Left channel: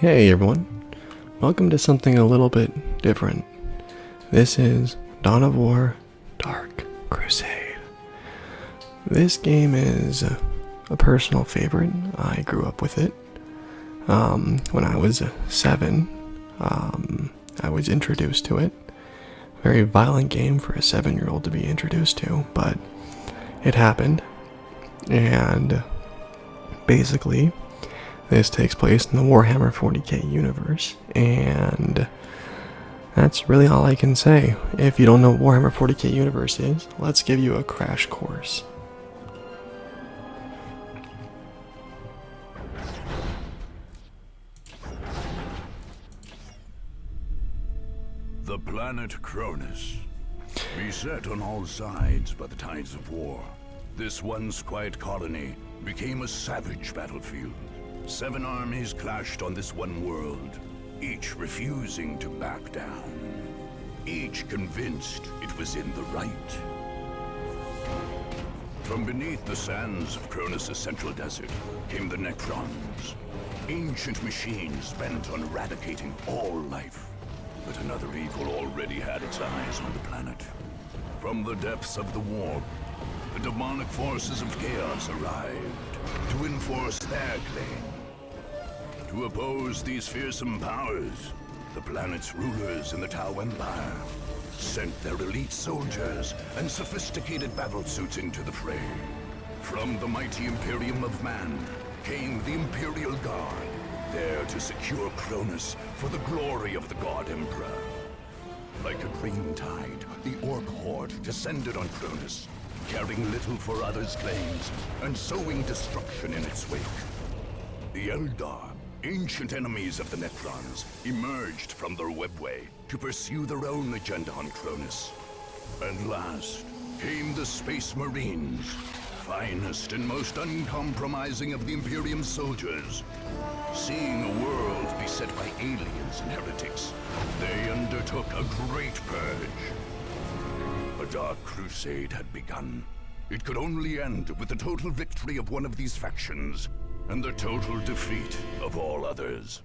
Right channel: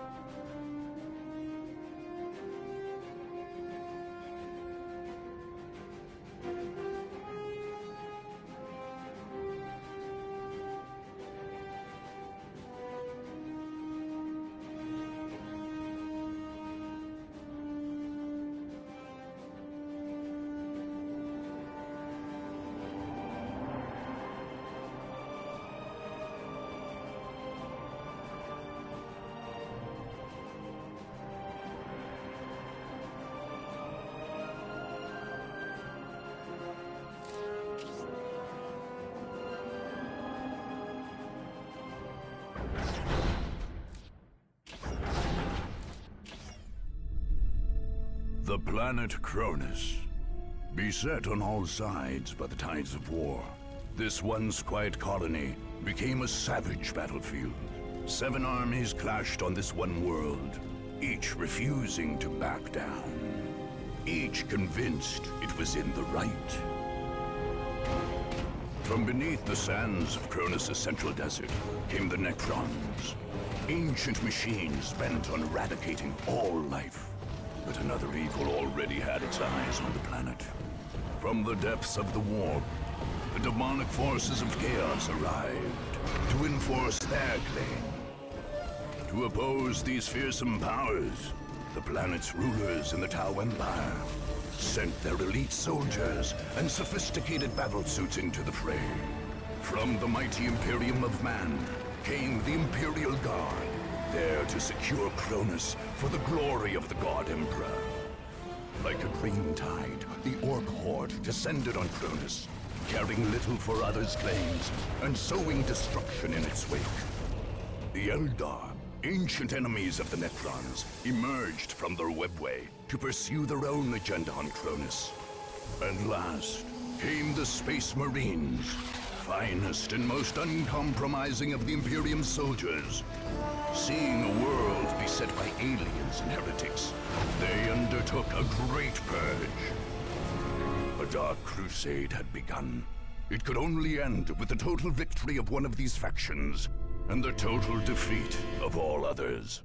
Hey everyone, welcome to something a little bit different. This is Dawn of War Dark Crusade. This game is a personal favorite. I grew up with it. When I was 7, I was introduced to it. Very violent game for a 7-year-old to be introduced to, but it happened. And basically, this takes place in the Warhammer 40k universe, and that's really all I can say. If you don't know what Warhammer 40k universe is, let's give you a crash course. The planet Cronus, beset on all sides by the tides of war, this once quiet colony became a savage battlefield. 7 armies clashed on this one world, each refusing to back down. Each convinced it was in the right. From beneath the sands of Cronus' central desert came the Necrons, ancient machines bent on eradicating all life. But another evil already had its eyes on the planet. From the depths of the warp, the demonic forces of chaos arrived to enforce their claim. To oppose these fearsome powers, the planet's rulers in the Tau Empire sent their elite soldiers and sophisticated battlesuits into the fray. From the mighty Imperium of Man came the Imperial Guard, there to secure Cronus for the glory of the God Emperor. Like a green tide, the Orc Horde descended on Cronus, caring little for others' claims and sowing destruction in its wake. The Eldar, ancient enemies of the Necrons, emerged from their webway to pursue their own agenda on Cronus. And last came the Space Marines, finest and most uncompromising of the Imperium soldiers. Seeing a world beset by aliens and heretics, they undertook a great purge. A dark crusade had begun. It could only end with the total victory of one of these factions, and the total defeat of all others.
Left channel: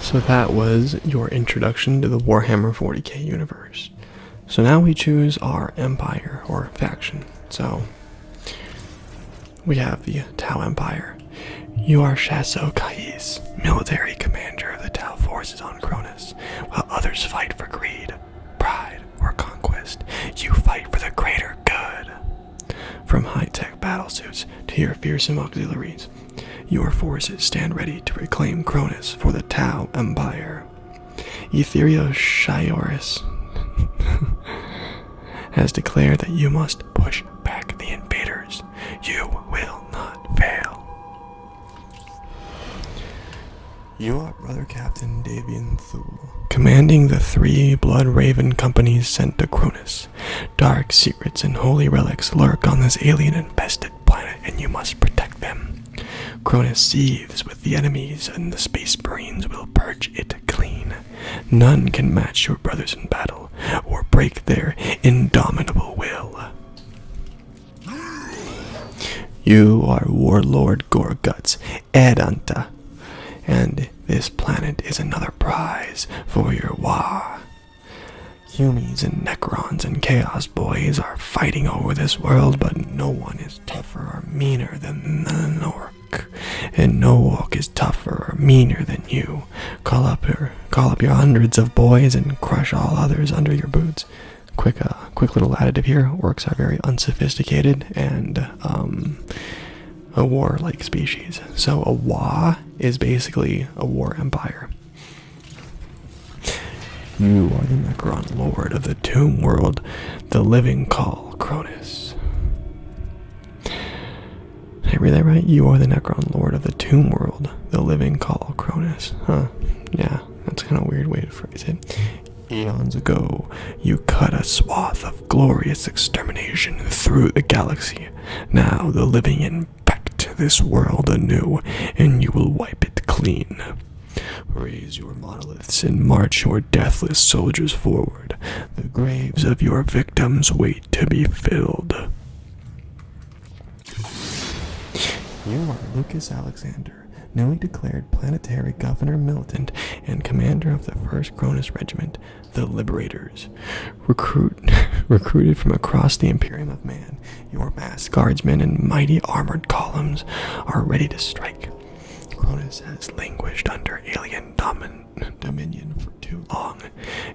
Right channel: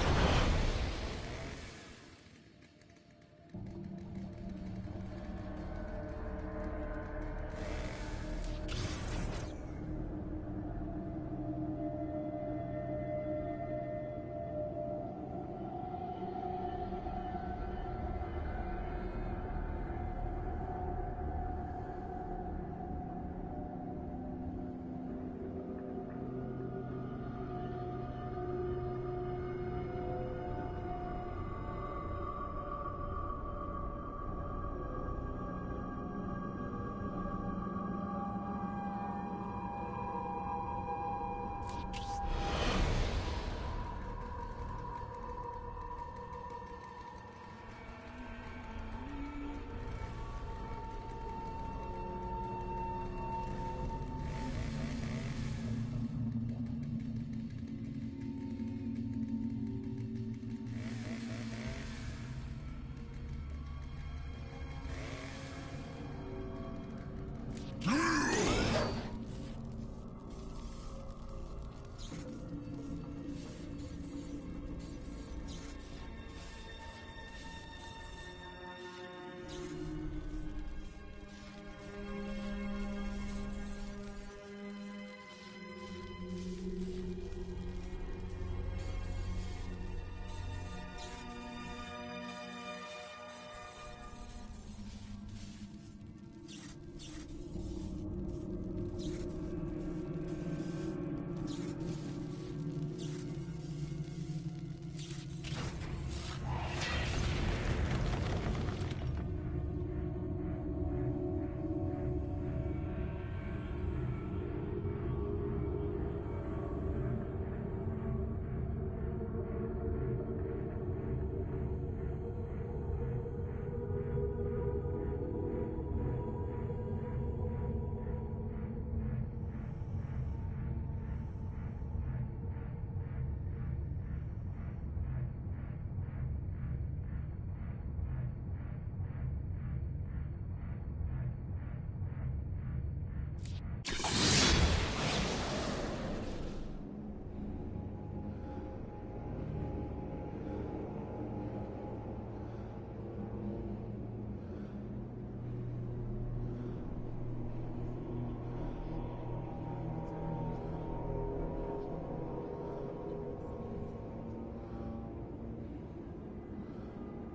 So that was your introduction to the Warhammer 40k universe. So now we choose our empire or faction. So we have the Tau Empire. You are Shasso Kais, military commander of the Tau forces on Cronus. While others fight for greed, pride, or conquest, you fight for the greater good. From high-tech battlesuits to your fearsome auxiliaries, your forces stand ready to reclaim Cronus for the Tau Empire. Etherio Shioris has declared that you must push back the invaders. You will not fail. You are Brother Captain Davian Thule, commanding the 3 Blood Raven companies sent to Cronus. Dark secrets and holy relics lurk on this alien-infested planet, and you must protect them. Cronus seethes with the enemies, and the Space Marines will purge it clean. None can match your brothers in battle, or break their indomitable will. You are Warlord Gorguts Edanta, and this planet is another prize for your war. Humans and Necrons and Chaos Boys are fighting over this world, but no one is tougher or meaner than an Orc. And no Orc is tougher or meaner than you. Call up your hundreds of boys and crush all others under your boots. Quick little additive here. Orcs are very unsophisticated and a war-like species. So a Wa is basically a war empire. You are the Necron Lord of the Tomb World, the living call Cronus. Did I read that right? You are the Necron Lord of the Tomb World, the living call Cronus. Huh. Yeah, that's kind of a weird way to phrase it. Eons ago, you cut a swath of glorious extermination through the galaxy. Now the living infect this world anew, and you will wipe it clean. Raise your monoliths and march your deathless soldiers forward. The graves of your victims wait to be filled. You are Lucas Alexander, newly declared planetary governor militant and commander of the 1st Cronus Regiment, the Liberators. Recruited from across the Imperium of Man, your masked guardsmen and mighty armored columns are ready to strike. Cronus has languished under alien dominion for too long.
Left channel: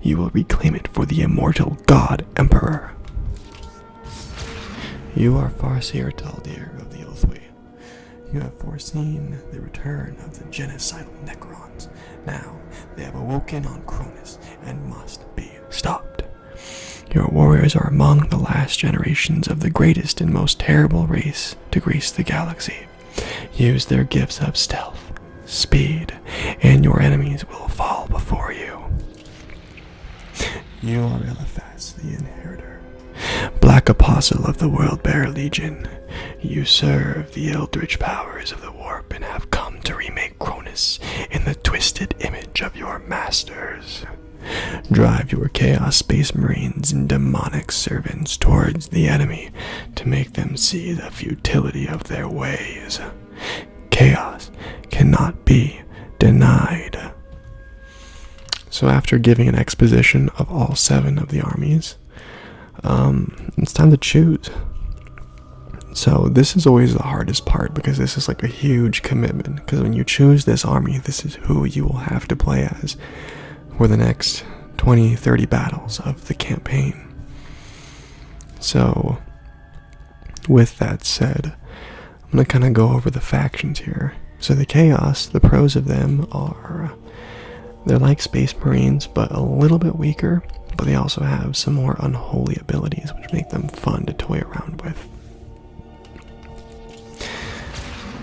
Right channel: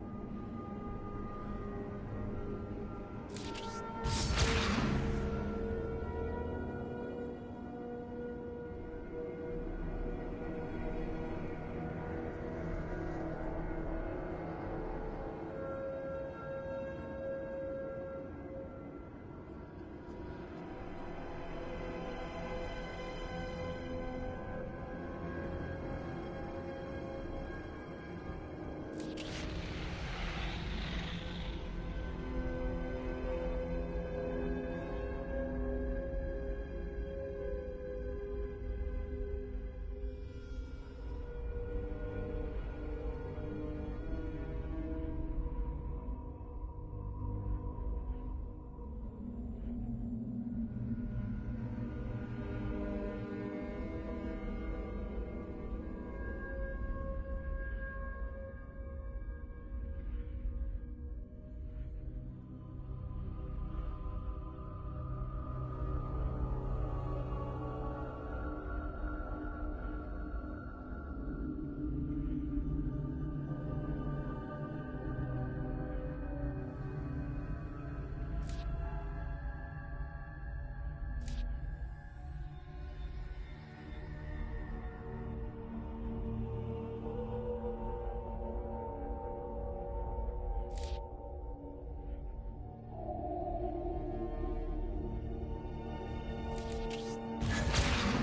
You will reclaim it for the immortal God Emperor. You are Farseer Taldir of the Oathway. You have foreseen the return of the genocidal Necrons. Now, they have awoken on Cronus and must be stopped. Your warriors are among the last generations of the greatest and most terrible race to grace the galaxy. Use their gifts of stealth, speed, and your enemies will fall before you. You are Eliphas, the Inheritor, Black Apostle of the World-Bearer Legion. You serve the eldritch powers of the warp and have come to remake Cronus in the twisted image of your masters. Drive your Chaos Space Marines and demonic servants towards the enemy to make them see the futility of their ways. Chaos cannot be denied. So after giving an exposition of all 7 of the armies, it's time to choose. So this is always the hardest part because this is like a huge commitment, because when you choose this army, this is who you will have to play as for the next 20-30 battles of the campaign. So with that said, I'm going to kind of go over the factions here. So the Chaos, the pros of them are, they're like Space Marines, but a little bit weaker, but they also have some more unholy abilities, which make them fun to toy around with.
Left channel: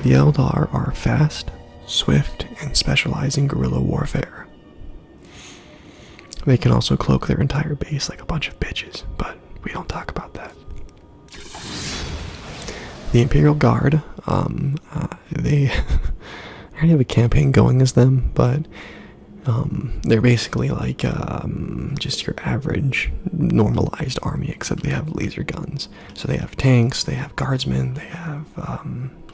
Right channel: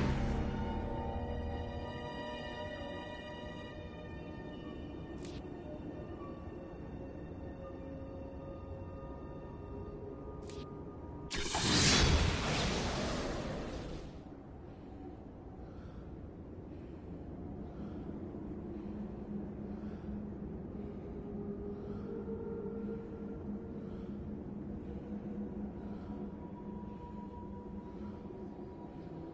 The Eldar are fast, swift, and specialize in guerrilla warfare. They can also cloak their entire base like a bunch of bitches, but we don't talk about that. The Imperial Guard, they already have a campaign going as them, but they're basically like just your average normalized army, except they have laser guns. So they have tanks, they have guardsmen, they have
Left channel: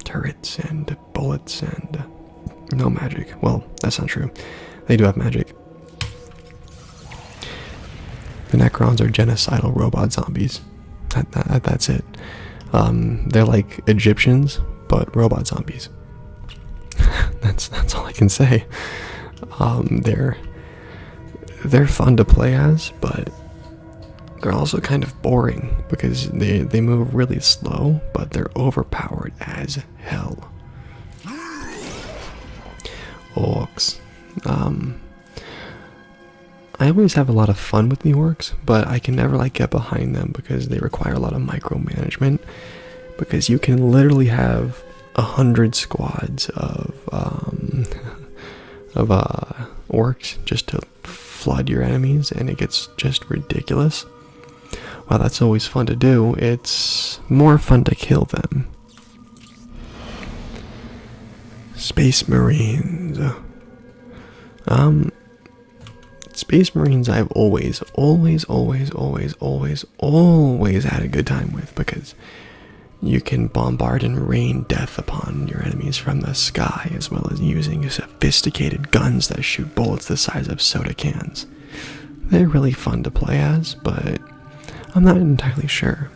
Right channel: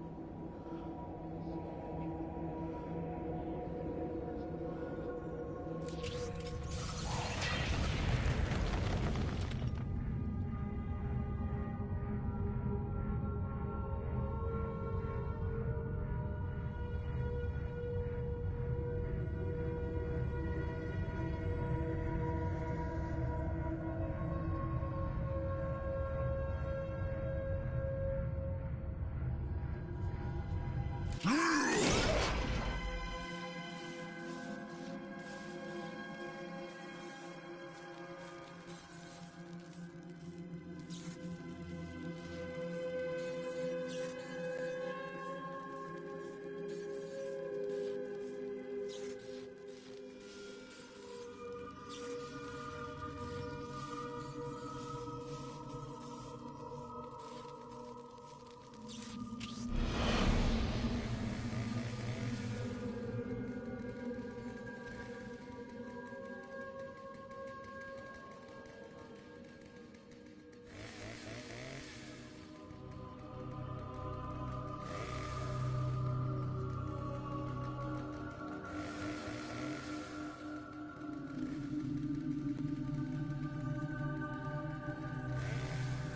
turrets and bullets and no magic. Well, that's not true. They do have magic. The Necrons are genocidal robot zombies. That's it. They're like Egyptians, but robot zombies. That's all I can say. They're fun to play as, but they're also kind of boring because they move really slow, but they're overpowered as hell. Orcs. I always have a lot of fun with the orcs, but I can never like get behind them because they require a lot of micromanagement. Because you can literally have 100 squads of orcs just to flood your enemies, and it gets just ridiculous. While that's always fun to do, it's more fun to kill them. Space Marines. Space Marines I've always had a good time with, because you can bombard and rain death upon your enemies from the sky, as well as using sophisticated guns that shoot bullets the size of soda cans. They're really fun to play as, but I'm not entirely sure.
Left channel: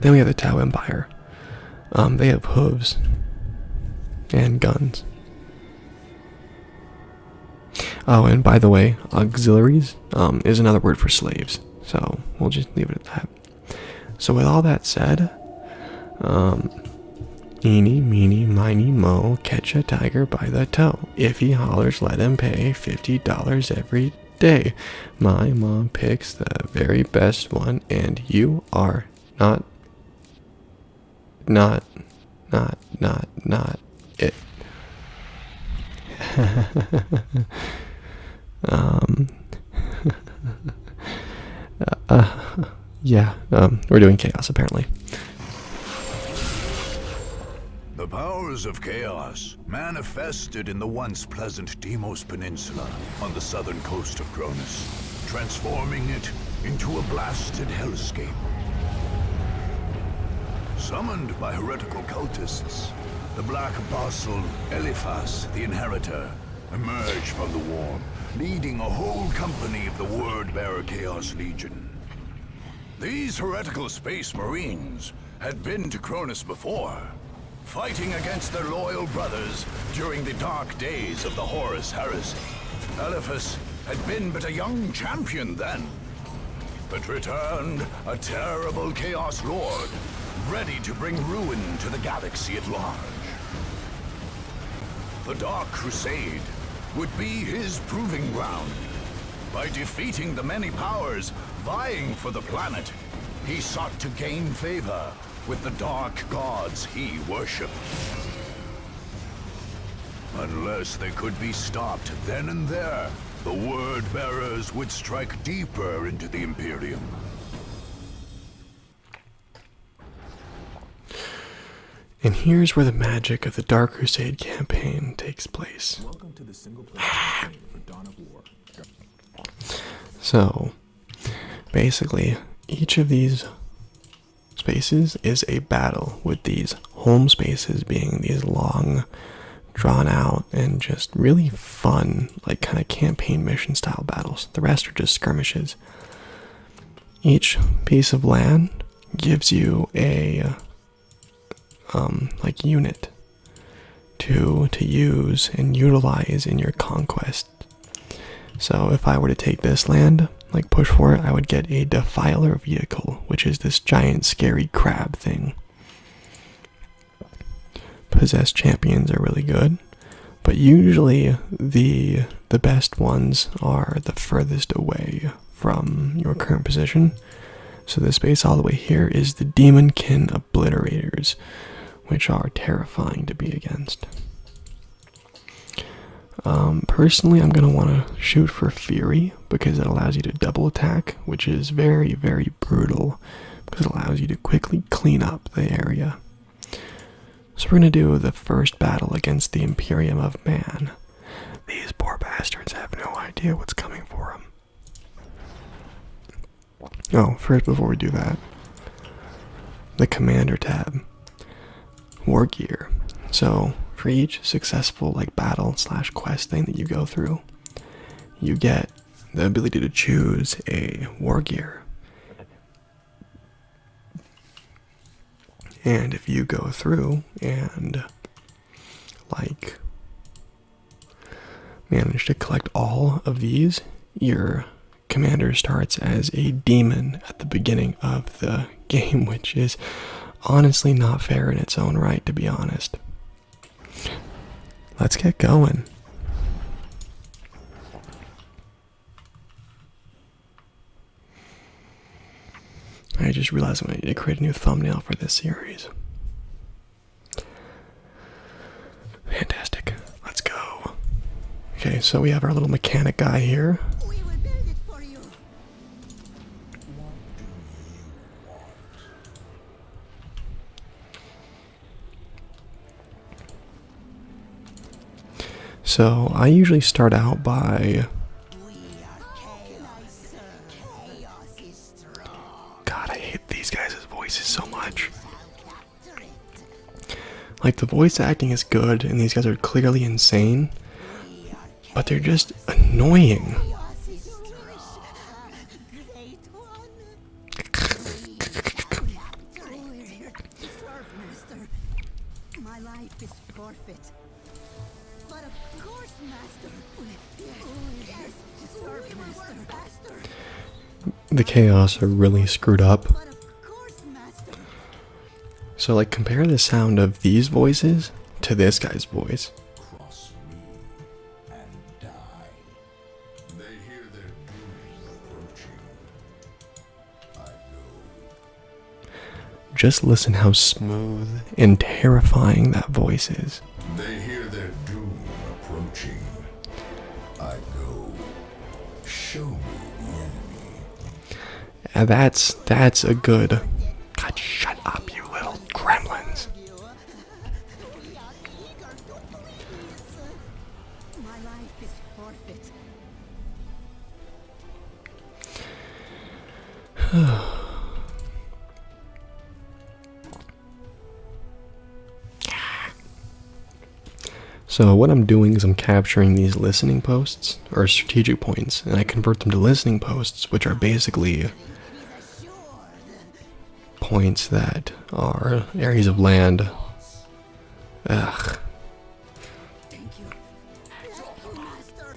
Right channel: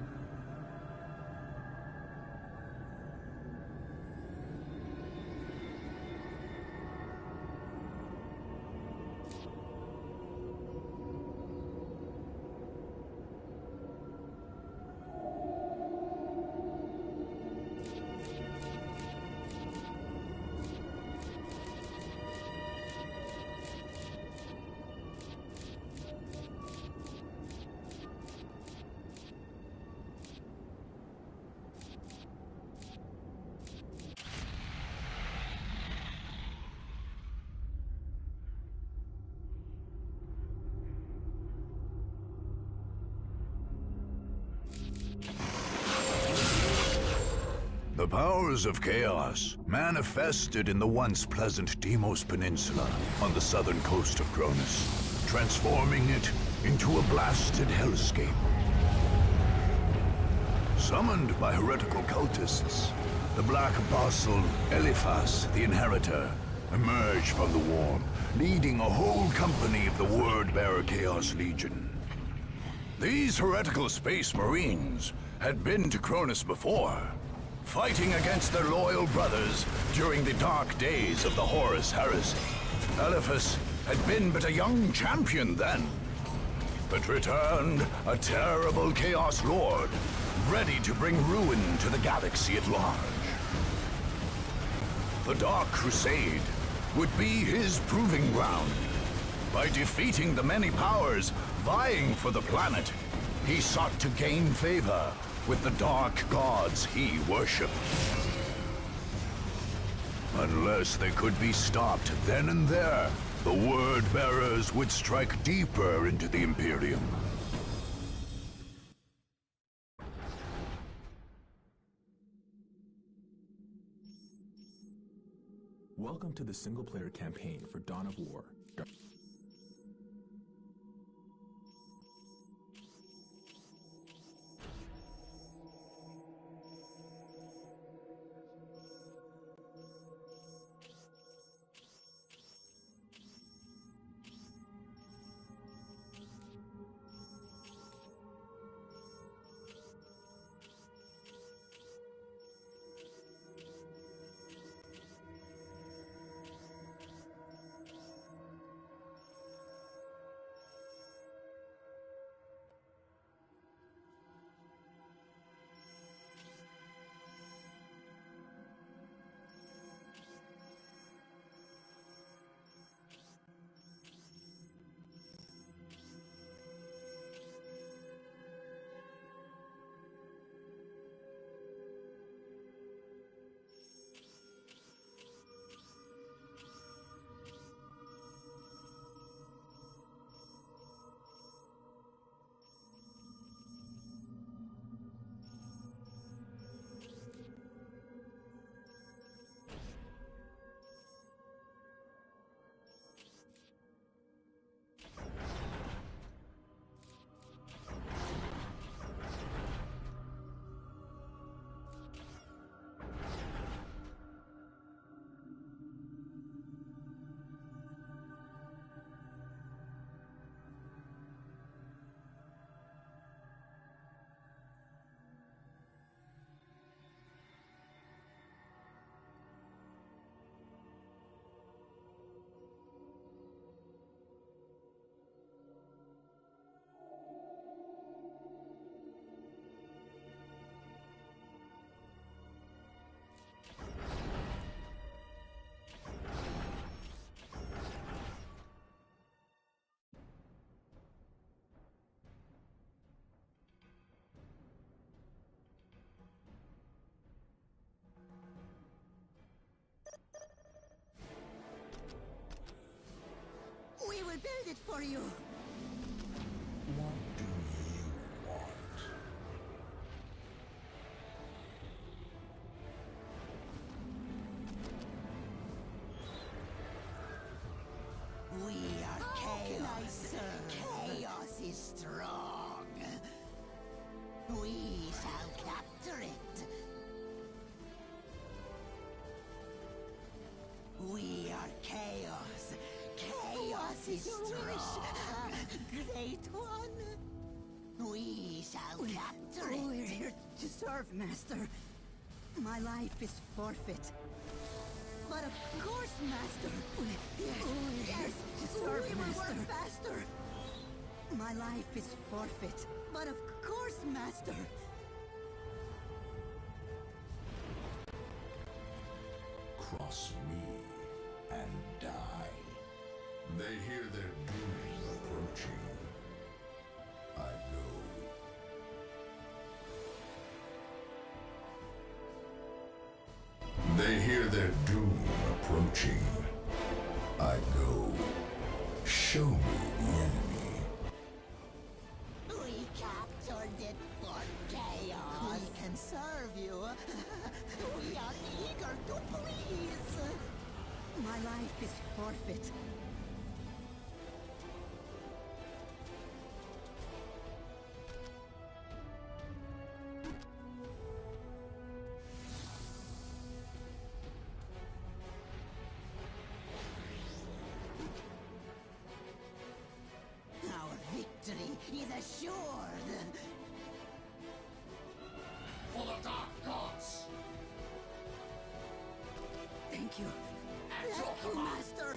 Then we have the Tau Empire. They have hooves and guns. Oh, and by the way, auxiliaries is another word for slaves, so we'll just leave it at that. So with all that said, eeny, meeny, miny, mo, catch a tiger by the toe. If he hollers, let him pay $50 every day. My mom picks the very best one, and you are not it. We're doing chaos apparently. The powers of chaos manifested in the once pleasant Deimos Peninsula on the southern coast of Cronus, transforming it into a blasted hellscape. Summoned by heretical cultists, the Black Apostle Eliphas, the Inheritor, emerged from the war, leading a whole company of the Word-Bearer Chaos Legion. These heretical space marines had been to Cronus before, fighting against their loyal brothers during the dark days of the Horus Heresy. Eliphas had been but a young champion then, but returned a terrible Chaos Lord, ready to bring ruin to the galaxy at large. The Dark Crusade would be his proving ground. By defeating the many powers vying for the planet, he sought to gain favor with the dark gods he worshipped. Unless they could be stopped then and there, the Word-Bearers would strike deeper into the Imperium. And here's where the magic of the Dark Crusade campaign takes place. Welcome to the single-player campaign for Dawn of War. So, basically, each of these spaces is a battle, with these home spaces being these long, drawn out, and just really fun, like kind of campaign mission style battles. The rest are just skirmishes. Each piece of land gives you a like unit to use and utilize in your conquest. So if I were to take this land, like push for it, I would get a Defiler vehicle, which is this giant scary crab thing. Possessed champions are really good, but usually the best ones are the furthest away from your current position. So this base all the way here is the Demonkin Obliterators, which are terrifying to be against. Personally, I'm going to want to shoot for Fury, because it allows you to double attack, which is very, very brutal, because it allows you to quickly clean up the area. So we're going to do the first battle against the Imperium of Man. These poor bastards have no idea what's coming for them. Oh, first, before we do that, the Commander tab. War gear. So for each successful battle / quest thing that you go through, you get the ability to choose a war gear. And if you go through and manage to collect all of these, your commander starts as a demon at the beginning of the game, which is honestly not fair in its own right, to be honest. Let's get going. I just realized I need to create a new thumbnail for this series. Fantastic. Let's go. Okay, so we have our little mechanic guy here. We will build it for you. So I usually start out by... We are chaos. Chaos is strong. God, I hate these guys' voices so much. Shall capture it. Like, the voice acting is good, and these guys are clearly insane, We are but they're just annoying. chaos is strong. Great one. We shall capture it. We're here to serve, Master. My life is forfeit. But of course, Master. Yes, to serve, Master. The chaos are really screwed up. But of course, Master. So, compare the sound of these voices to this guy's voice. Cross me and die. They hear their doom approaching. I go. Just listen how smooth and terrifying that voice is. They hear their doom approaching. I go. Show me the enemy. And that's a good... God, shut up, you little gremlins. We are eager to please. My life is forfeit. So what I'm doing is I'm capturing these listening posts, or strategic points, and I convert them to listening posts, which are basically points that are areas of land. Ugh. Thank you. Thank you, Master.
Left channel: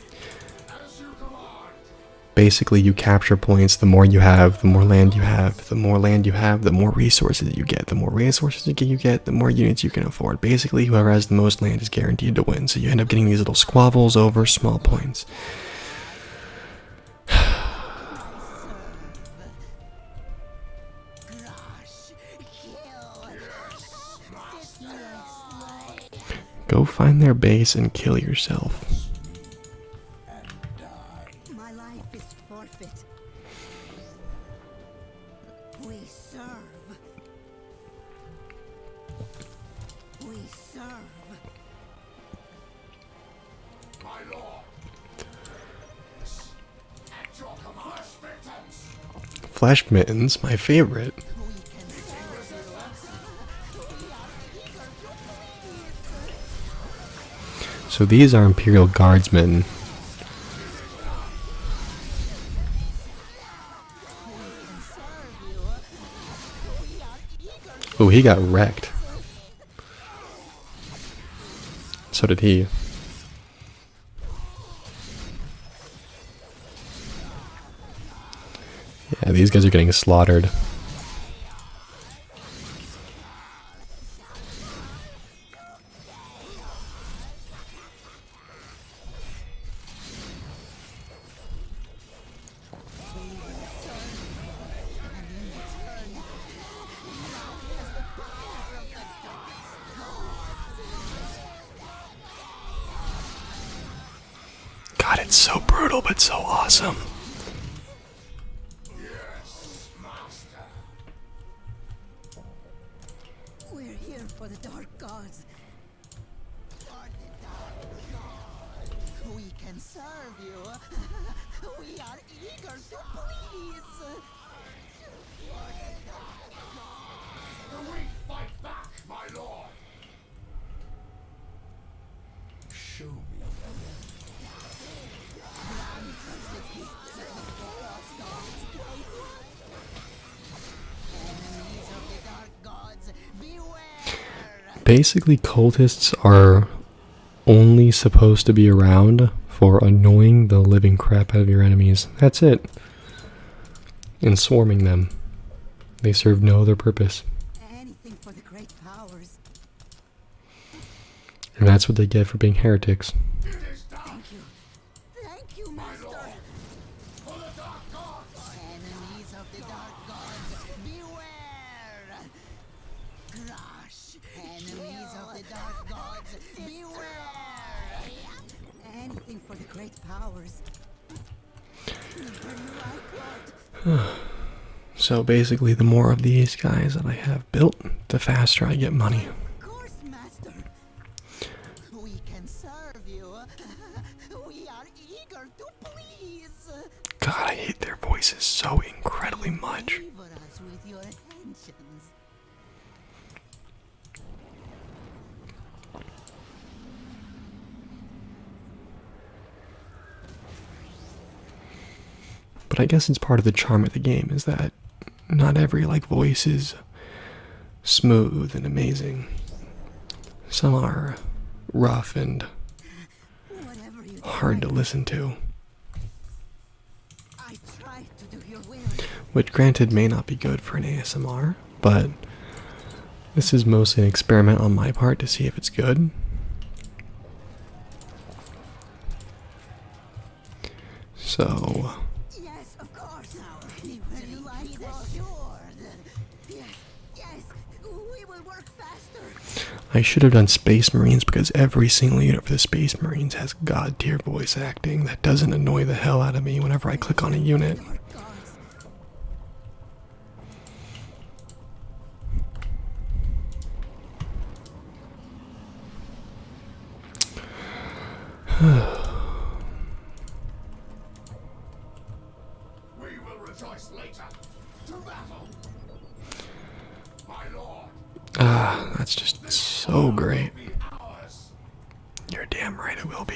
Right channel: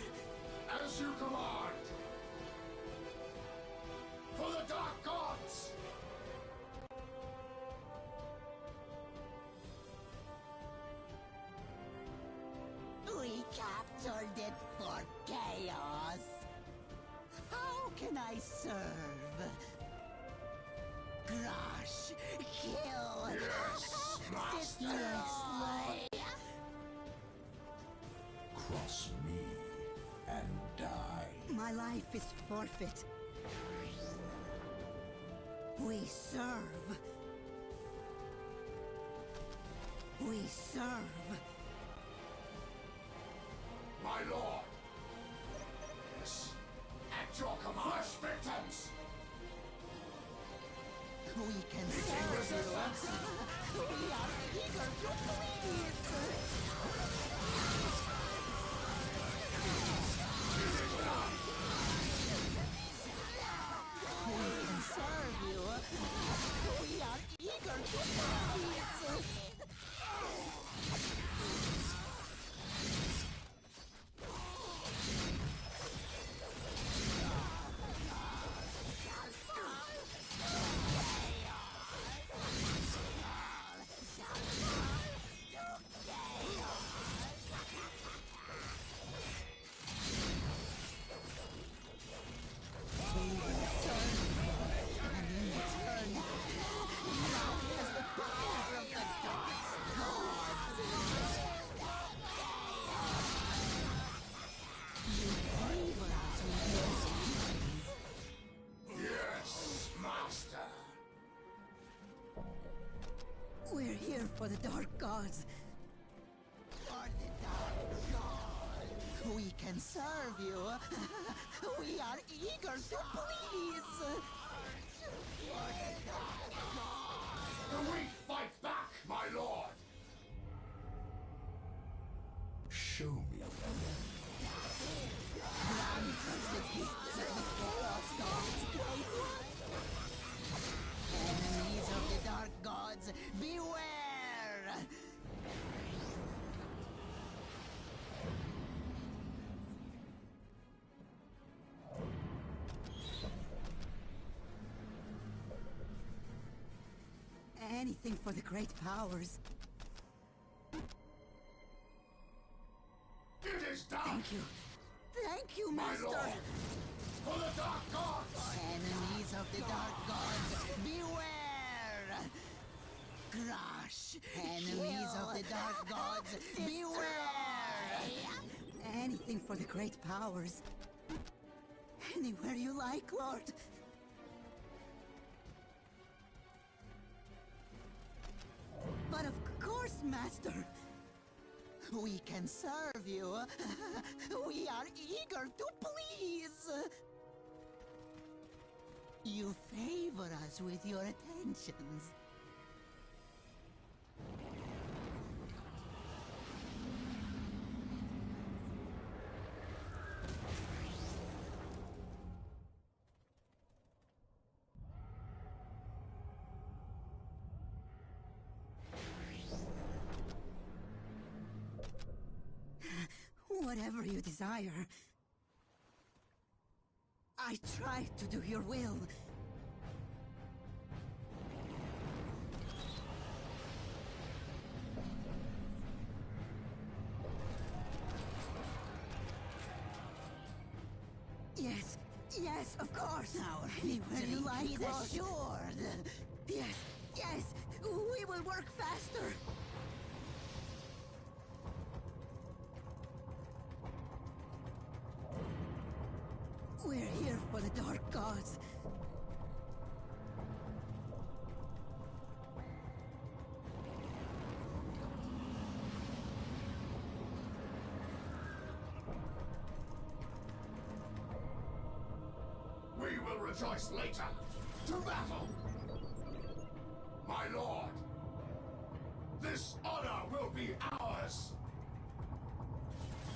Basically, you capture points. The more you have, the more land you have. The more land you have, the more resources you get. The more resources you get, the more units you can afford. Basically, whoever has the most land is guaranteed to win. So you end up getting these little squabbles over small points. Can I serve? Crush, kill, destroy. Go find their base and kill yourself. My life is forfeit. We serve. We serve. My lord. Yes. At your command, victims. Flesh mittens, my favorite. We can serve you. We are eager to please. So these are Imperial Guardsmen. Oh, he got wrecked. So did he. Yeah, these guys are getting slaughtered. God, it's so brutal, but so awesome. Yes, master. We're here for the Dark Gods. For the Dark Gods. We can serve you. We are eager to please. The weak fight back, my lord. Show me. Enemies of the Dark Gods, beware! Basically, cultists are only supposed to be around for annoying the living crap out of your enemies. That's it. And swarming them. They serve no other purpose. Anything for the great powers. And that's what they get for being heretics. It is done. Thank you. Thank you, Master. For the dark gods. Enemies of the Dark Gods, beware! Crush! Enemies of the Dark Gods, beware! Anything for the great powers. Where you like, Lord. So basically, the more of these guys that I have built, the faster I get money. Of course, Master. We can serve you. We are eager to please. God, I hate their voices so incredibly much. Favor us with your attentions. But I guess it's part of the charm of the game is that not every voice is smooth and amazing. Some are rough and Whatever you hard to desire, listen to, I try to do your will. which granted may not be good for an ASMR, but this is mostly an experiment on my part to see if it's good. So, Yes, of course. Our victory you like, is assured. Yes, yes, we will work faster. I should have done Space Marines because every single unit for the Space Marines has god tier voice acting that doesn't annoy the hell out of me whenever I click on a unit. Dark Gods. We will rejoice later. To battle. My lord. Ah, that's just so great. Be ours. You're damn right it will be.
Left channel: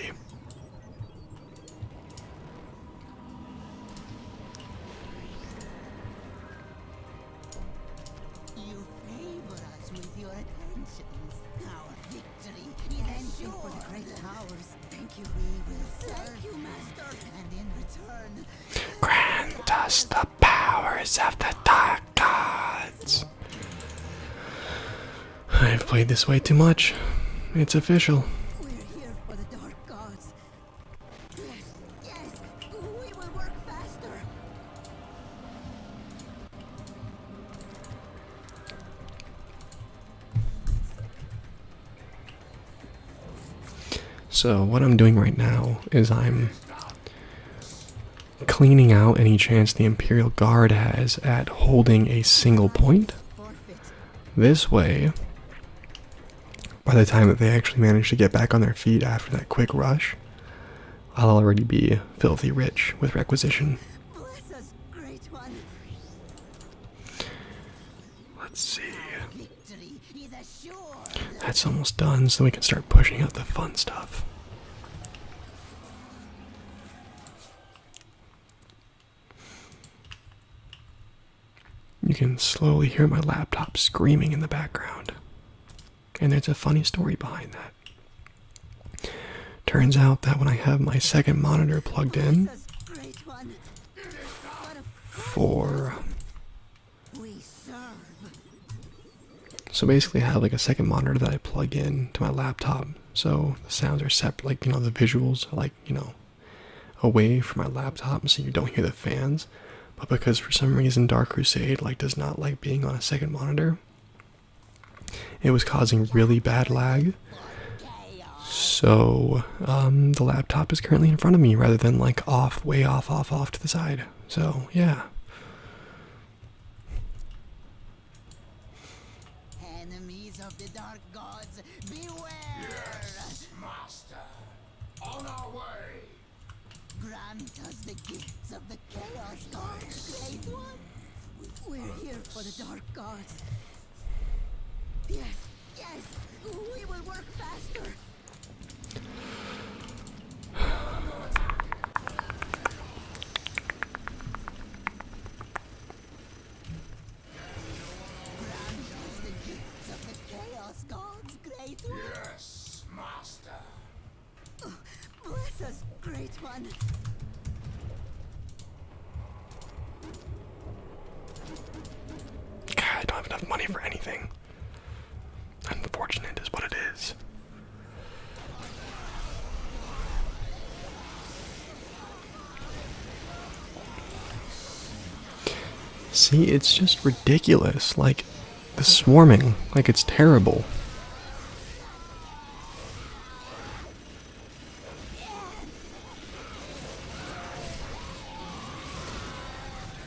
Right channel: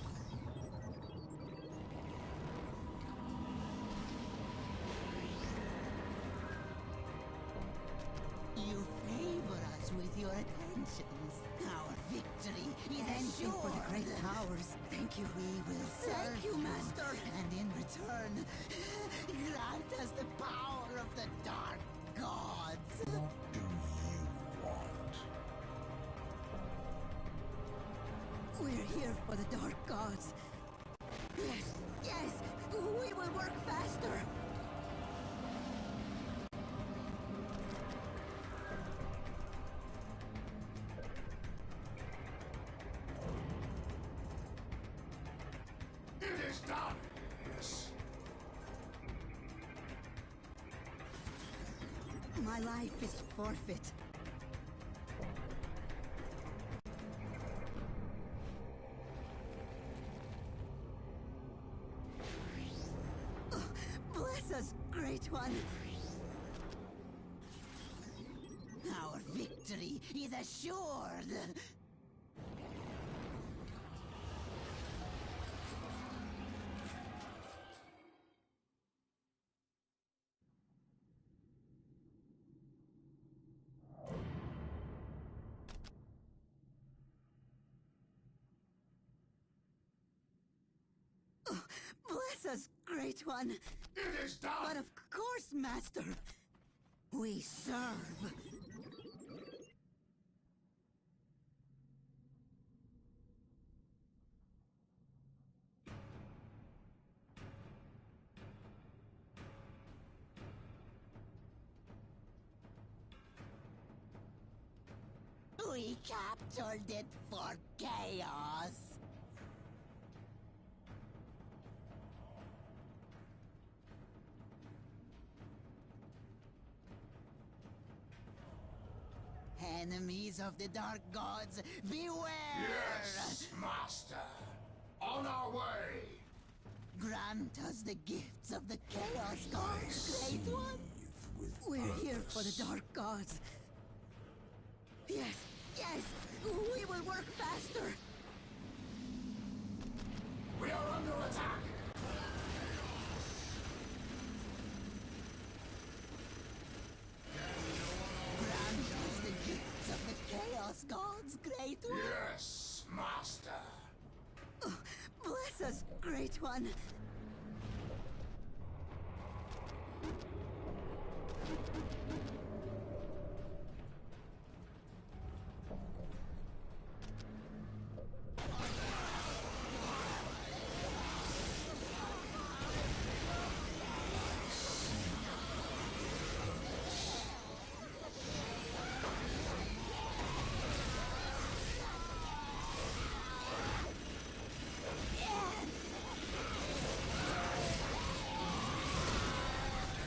You favor us with your attentions. Our victory is anything for the great powers. Thank you. We will serve you, Master. And in return, Grant us the powers of the Dark Gods. I've played this way too much. It's official. we're here for the Dark Gods. Yes, yes, we will work faster. So what I'm doing right now is I'm cleaning out any chance the Imperial Guard has at holding a single point. Forfeit. This way, by the time that they actually manage to get back on their feet after that quick rush, I'll already be filthy rich with requisition. Bless us, Great One. Let's see. Our victory is assured. That's almost done, so we can start pushing out the fun stuff. You can slowly hear my laptop screaming in the background. And there's a funny story behind that. Turns out that when I have my second monitor plugged in Bless us, Great One. But of course, for... Master, we serve. So basically I have like a second monitor that I plug in to my laptop. So the sounds are separate, like, you know, the visuals are like, you know, away from my laptop so you don't hear the fans. But because for some reason Dark Crusade like does not like being on a second monitor, it was causing really bad lag. So the laptop is currently in front of me rather than like off, way off to the side. So yeah. Enemies of the Dark Gods, beware! Yes, Master. On our way. Grant us the gifts of the Chaos Gods, Great One. We're here for the Dark Gods. Yes, yes, we will work faster. Grant us the gifts of the Chaos Gods, Great One. Yes, Master. Bless us, Great One. God, I don't have enough money for anything. Unfortunate is what it is. See, it's just ridiculous. Like, the swarming, like it's terrible.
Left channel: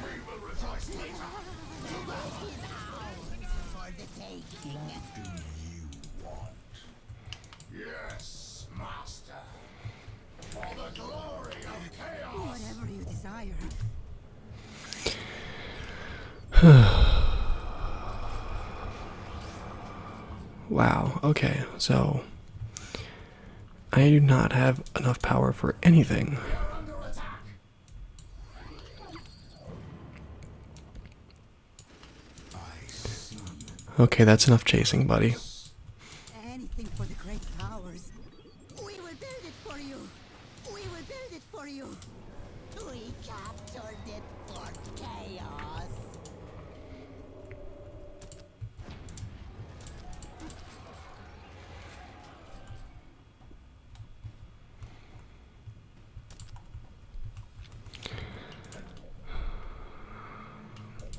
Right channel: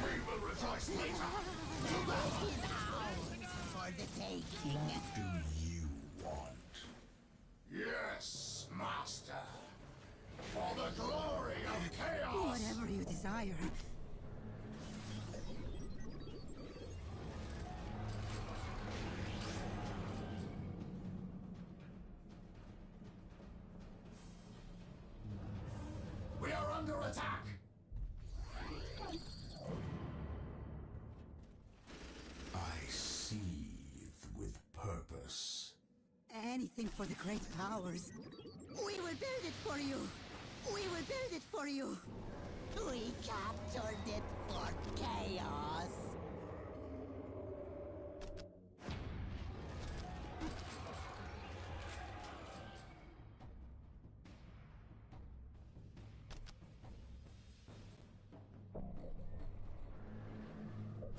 We will rejoice later. For the taking. What do you want? Yes, Master. For the glory of chaos. Whatever you desire. Wow, okay, so I do not have enough power for anything. We are under attack. I see. Okay, that's enough chasing, buddy. Anything for the great powers. We will build it for you. We will build it for you. We captured it for chaos.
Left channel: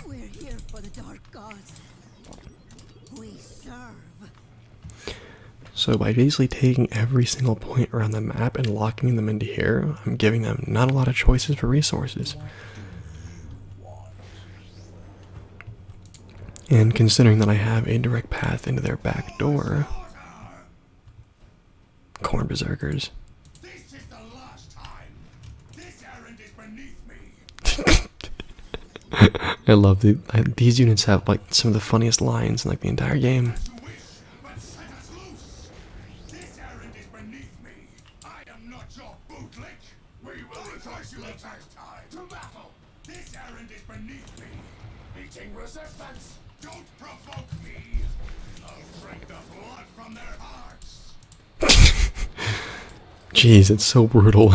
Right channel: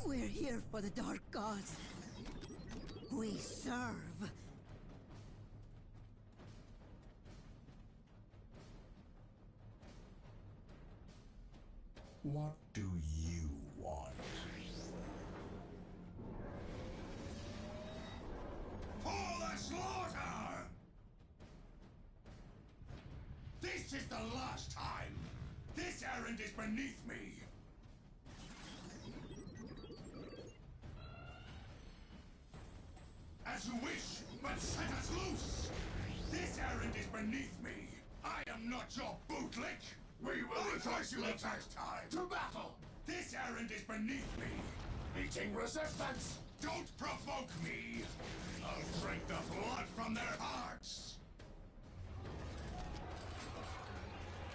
We're here for the Dark Gods. We serve. So by basically taking every single point around the map and locking them into here, I'm giving them not a lot of choices for resources. What do you want? And considering that I have a direct path into their back door, corn berserkers. This is the last time. This errand is beneath me. I love these units have like some of the funniest lines in like the entire game. As you wish, but set us loose. This errand is beneath me. errand is beneath me. Meeting resistance. Don't provoke me. I'll drink the blood from their hearts. Jeez, it's so brutal.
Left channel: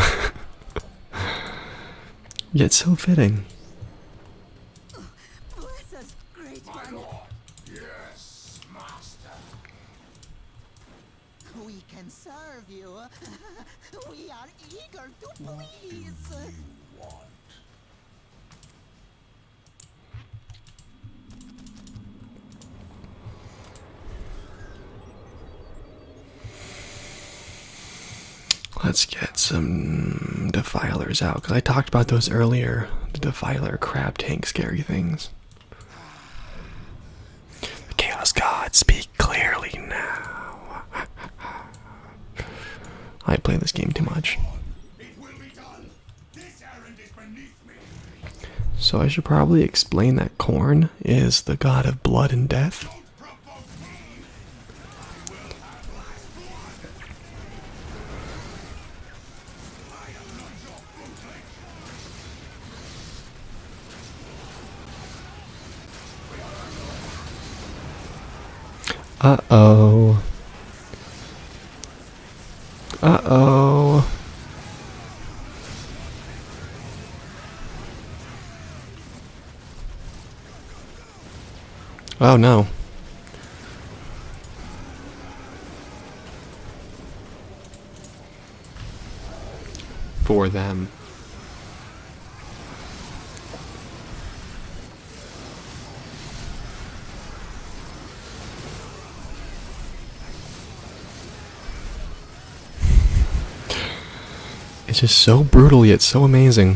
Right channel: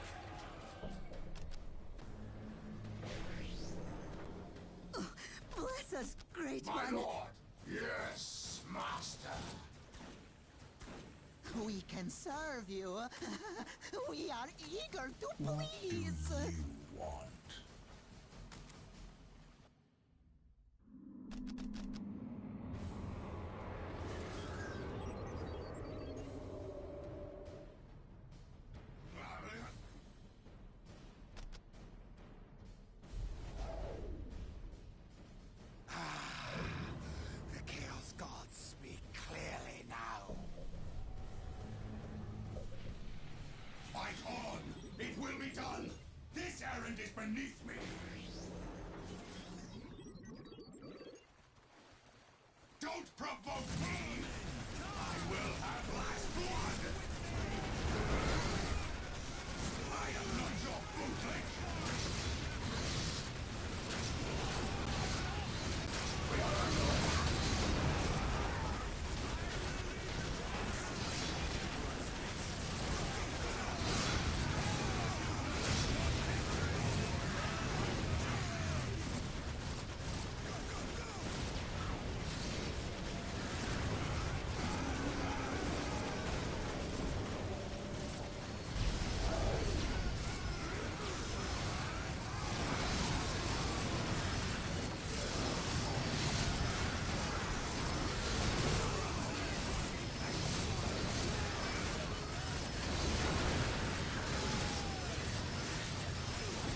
Yet so fitting. Bless us, great My one. lord. Yes, master. We can serve you. We are eager to please. You want? Let's get some defilers out, because I talked about those earlier. The defiler crab tank scary things. Chaos God, speak clearly now. I play this game too much. It will be done. This errand is beneath me. So I should probably explain that Korn is the god of blood and death. Don't provoke me. I will have last blood. I am not your bootleg. Uh-oh. Uh-oh. Oh no. For them. It's just so brutal yet so amazing.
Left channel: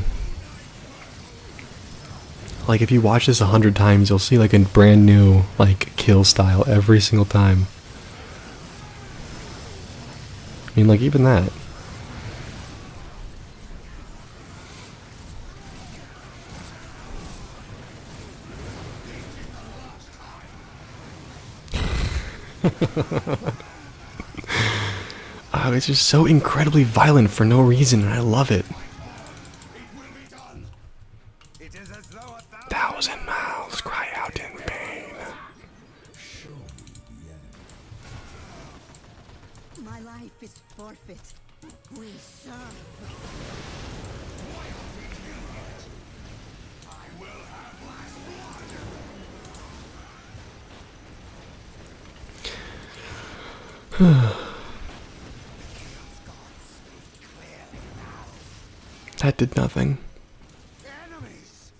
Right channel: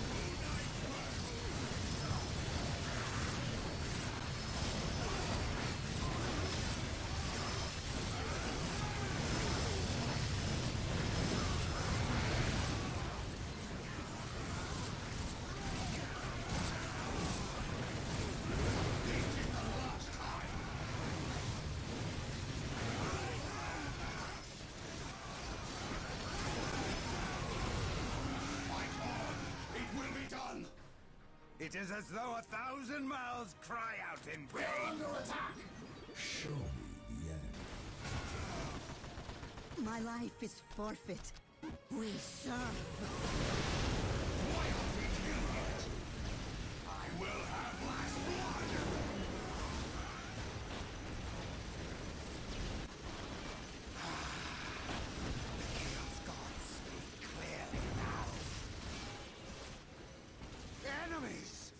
Like if you watch this 100 times, you'll see like a brand new like kill style every single time. I mean, like even that. Oh, it's just so incredibly violent for no reason, and I love it. It will be done. It is as though a Thousand mouths cry out in pain. My life is forfeit. We serve. I will have last blood. That did nothing. Enemies.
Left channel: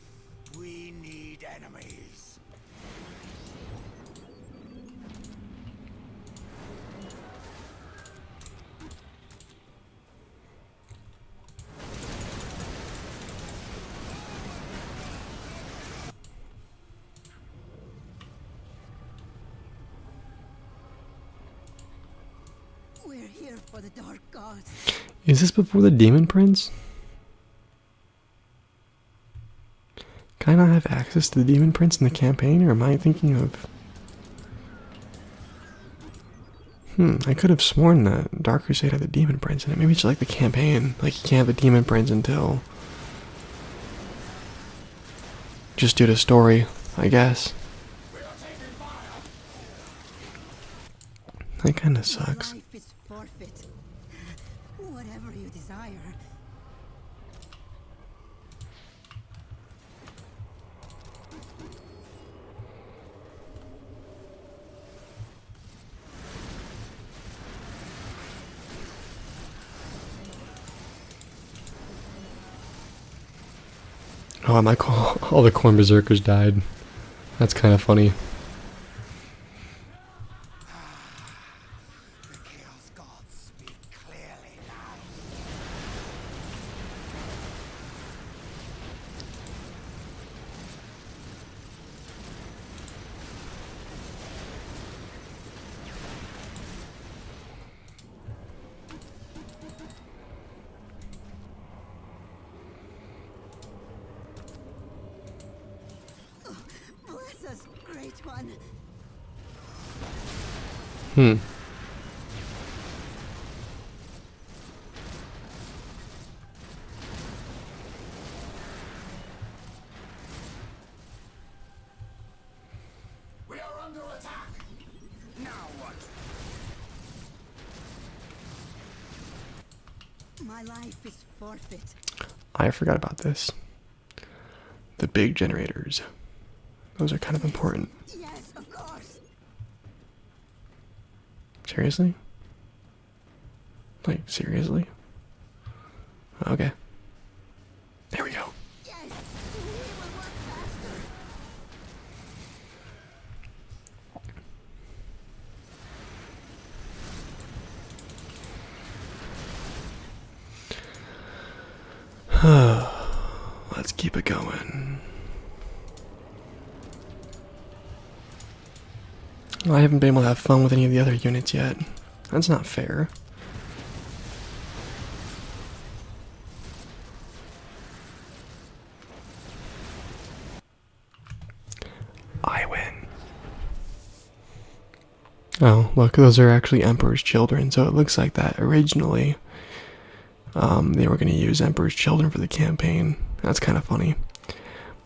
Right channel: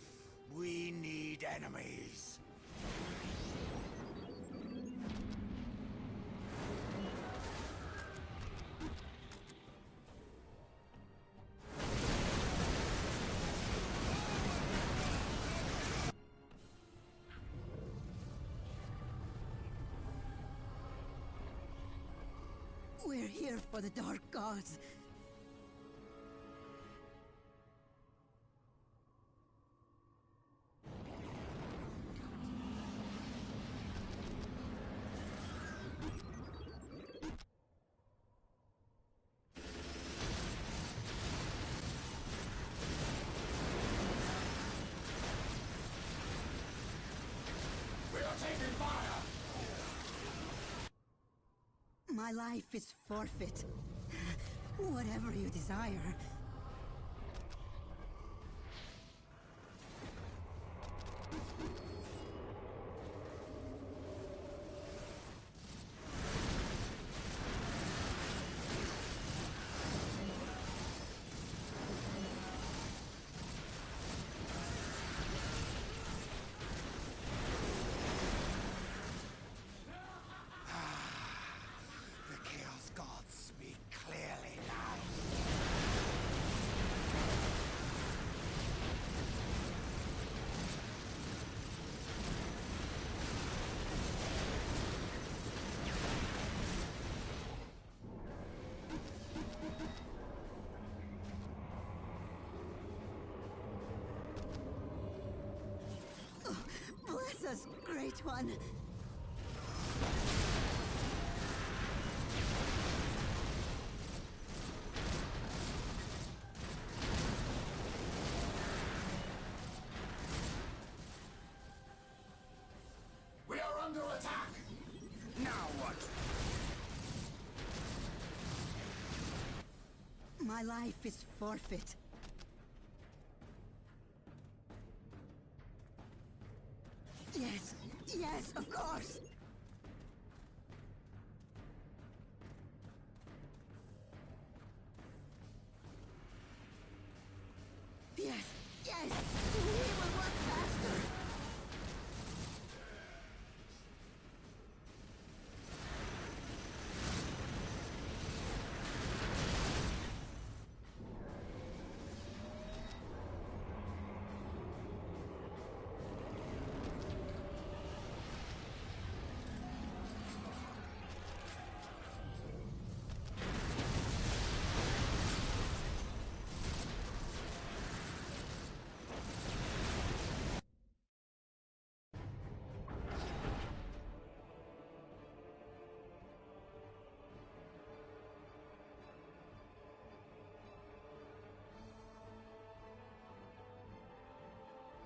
We need enemies. We're here for the dark gods. Is this before the Demon Prince? Can I not have access to the Demon Prince in the campaign, or am I thinking of... I could have sworn that Dark Crusade had the Demon Prince in it. Maybe it's like the campaign. Like, you can't have the Demon Prince until... just due to story, I guess. That kinda My sucks. life is forfeit. Whatever you desire. Oh, I like all the Corn Berserkers died. That's kind of funny. The Chaos Gods speak clearly now. Bless us, great one. My life is forfeit. I forgot about this. The big generators. Those are kind of important. Yes, of course. Seriously? Like, seriously? Okay. There we go. Yes, we will work faster. Let's keep it going. I haven't been able to have fun with any of the other units yet. That's not fair. I win. Oh, look, those are actually Emperor's children, so it looks like that originally they were going to use Emperor's children for the campaign. That's kind of funny.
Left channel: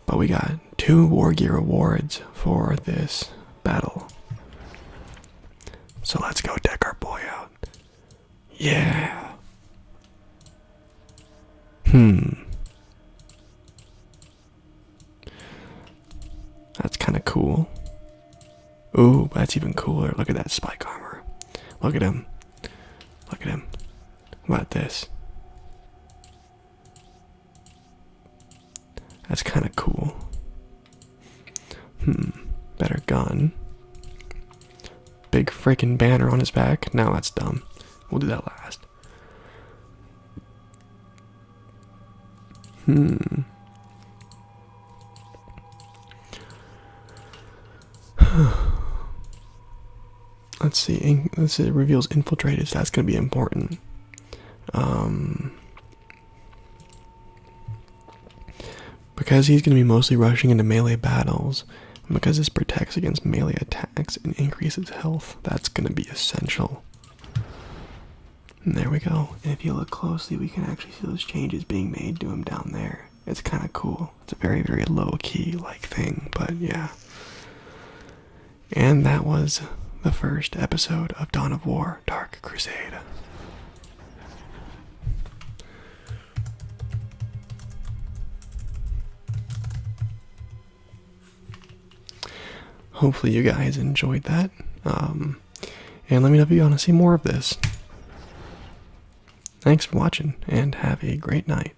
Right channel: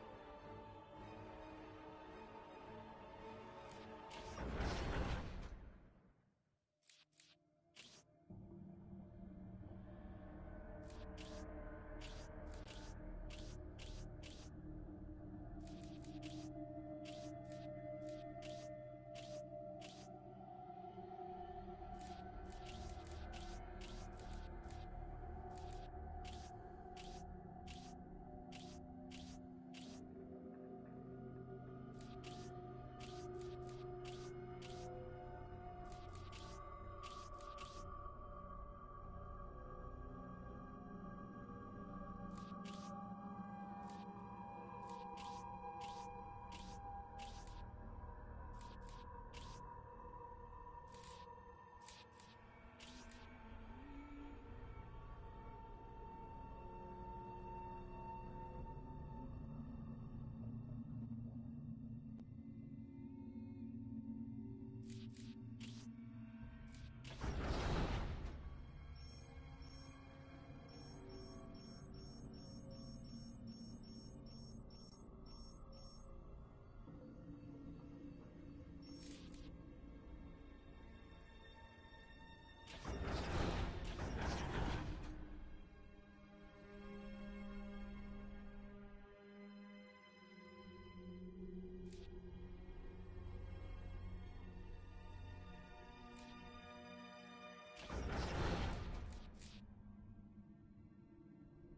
But we got 2 War Gear awards for this battle. So let's go deck our boy out. Yeah. That's kind of cool. Ooh, that's even cooler. Look at that spike armor. Look at him. Look at him. What about this? That's kind of cool. Better gun. Big freaking banner on his back. No, that's dumb. We'll do that last. Let's see. It reveals infiltrators. That's going to be important. Because he's going to be mostly rushing into melee battles, and because this protects against melee attacks and increases health, that's going to be essential. And there we go. And if you look closely, we can actually see those changes being made to him down there. It's kind of cool. It's a very, very low-key like thing, but yeah. And that was the first episode of Dawn of War, Dark Crusade. Hopefully you guys enjoyed that. And let me know if you want to see more of this. Thanks for watching, and have a great night.